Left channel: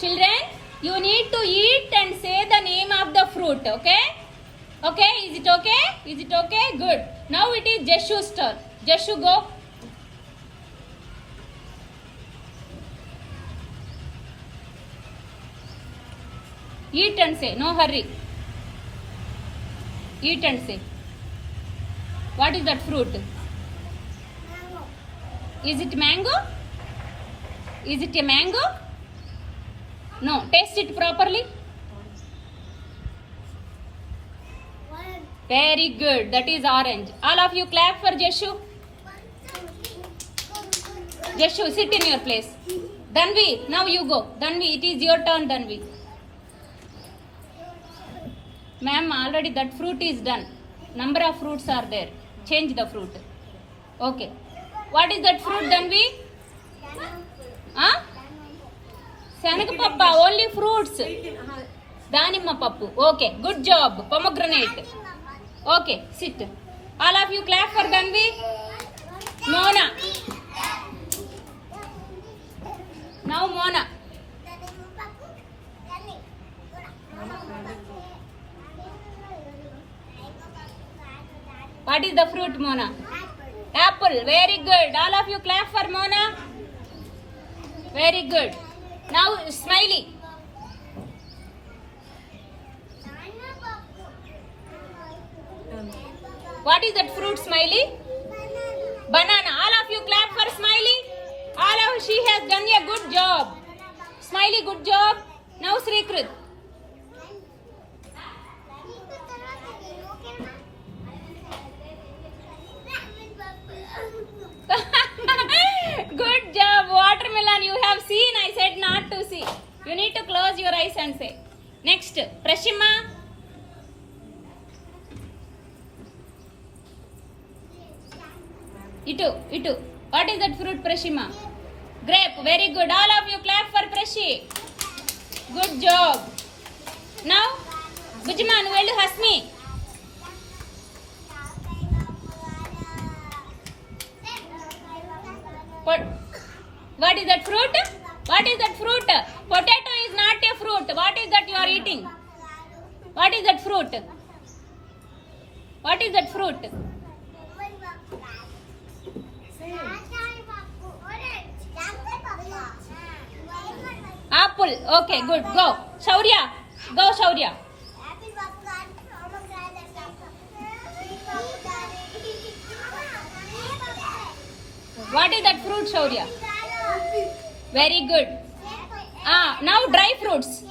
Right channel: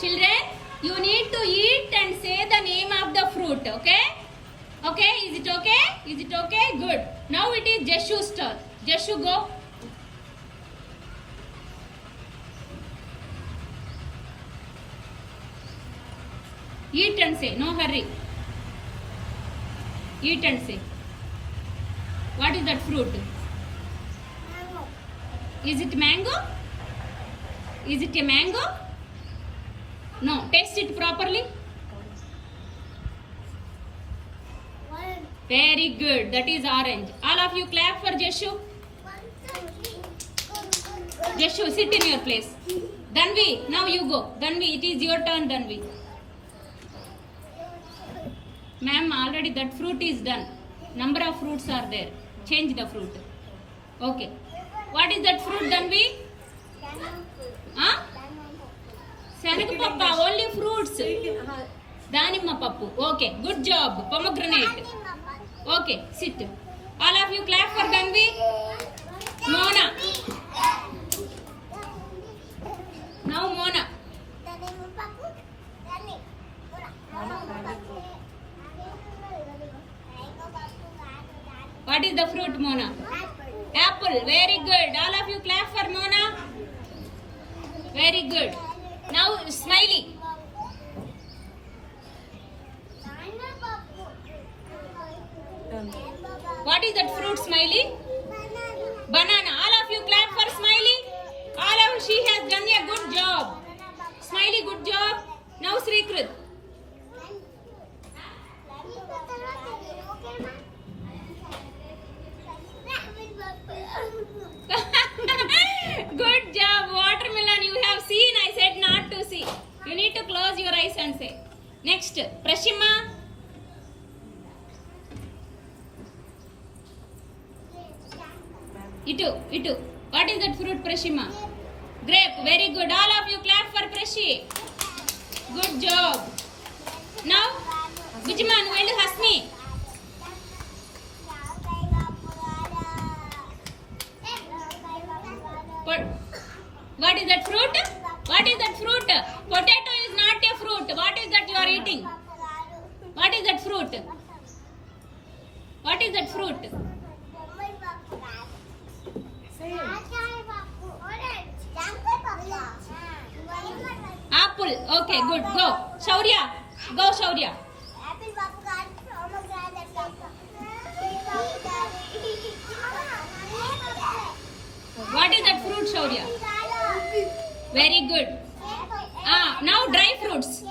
Children, you need to eat and say the name of the fruit, okay? Okay, is it okay? Is it okay? Good. Now it is Jeshu's turn. Jeshu, go. Eat and say, no hurry. Eat and say. What is that fruit? Mango. Is it mango? Is it a mango? No, taste it properly. One, Very good. That is orange. All of you clap for Jeshu. 1, 2, 3. Jeshu, sit in your place. Danvi, now you go. Danvi, it is your turn, Danvi. Ma'am, already that fruit is done. Number of fruits are there. Change the fruit. Okay. What is that fruit, Danvi? Huh? Sanagapappa, only fruits. Danimma pappu. Okay, good job. Pomegranate. Okay, sit. All of you clap for Danvi. Mona. Now Mona. What is the fruit, Mona? Apple. Very good. All of you clap for Mona. Very good. Now Smiley. What is that fruit, Smiley? Banana. All of you clap for Smiley. All of she has done a good job. Smiley, good job. Now Srikrut. Good job. Watermelon. You have seen. I said not to see. You need to close your eyes and say. Next, Prashima. Itu. What is that fruit, Prashima? Grape. Very good. All of you clap for Prashi. Good job. Now, Bujima, you will Hasmi. What is that fruit? What is that fruit? Potato is not a fruit. What is that you are eating? What is that fruit? What is that fruit? Apple. Okay, good. Go. Shaurya. Go, Shaurya. What is that fruit, Shaurya? Very good. Now dry fruits.